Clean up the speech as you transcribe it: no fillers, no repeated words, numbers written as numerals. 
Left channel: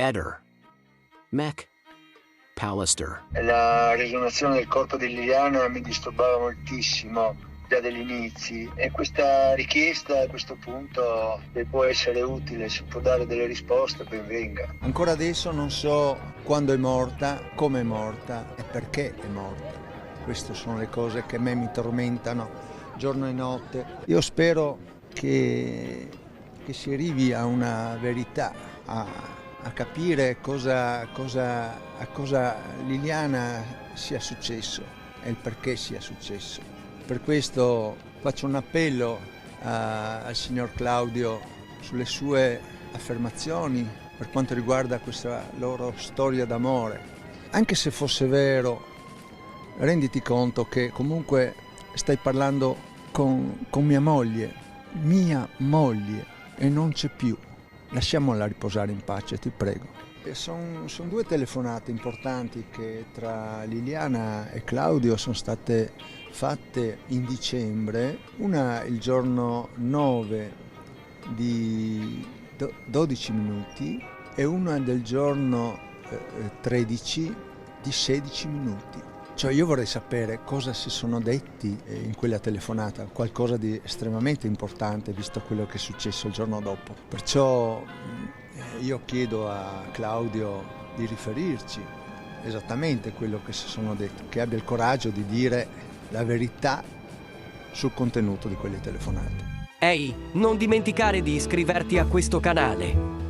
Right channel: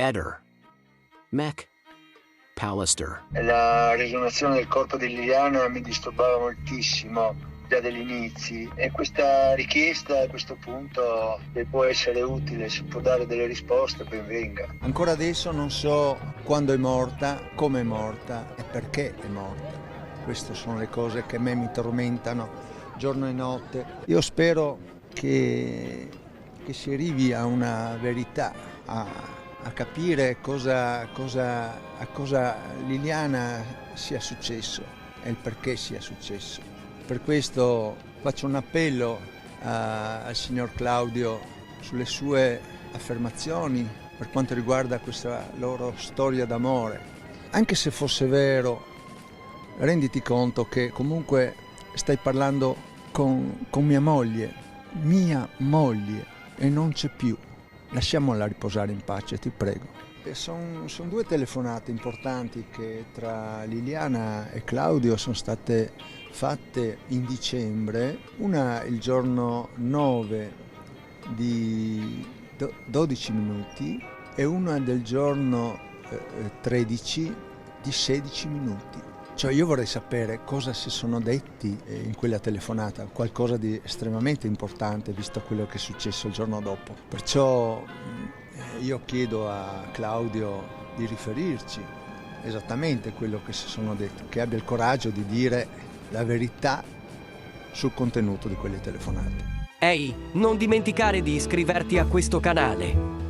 Eder, Mac Pallister. La riesumazione del corpo di Liliana mi disturbava moltissimo già dagli inizi, e questa richiesta a questo punto, se può essere utile, se può dare delle risposte, ben venga. Ancora adesso non so quando è morta, come è morta e perché è morta. Queste sono le cose che a me mi tormentano giorno e notte. Io spero che si arrivi a una verità, a capire a cosa Liliana sia successo e il perché sia successo. Per questo faccio un appello al signor Claudio sulle sue affermazioni per quanto riguarda questa loro storia d'amore. Anche se fosse vero, renditi conto che comunque stai parlando con mia moglie, e non c'è più. Lasciamola riposare in pace, ti prego. Sono due telefonate importanti che tra Liliana e Claudio sono state fatte in dicembre, una il giorno 9 di 12 minuti e una del giorno 13 di 16 minuti. Cioè io vorrei sapere cosa si sono detti in quella telefonata, qualcosa di estremamente importante visto quello che è successo il giorno dopo. Perciò io chiedo a Claudio di riferirci esattamente quello che si sono detti, che abbia il coraggio di dire la verità sul contenuto di quelle telefonate. Ehi, non dimenticare di iscriverti a questo canale.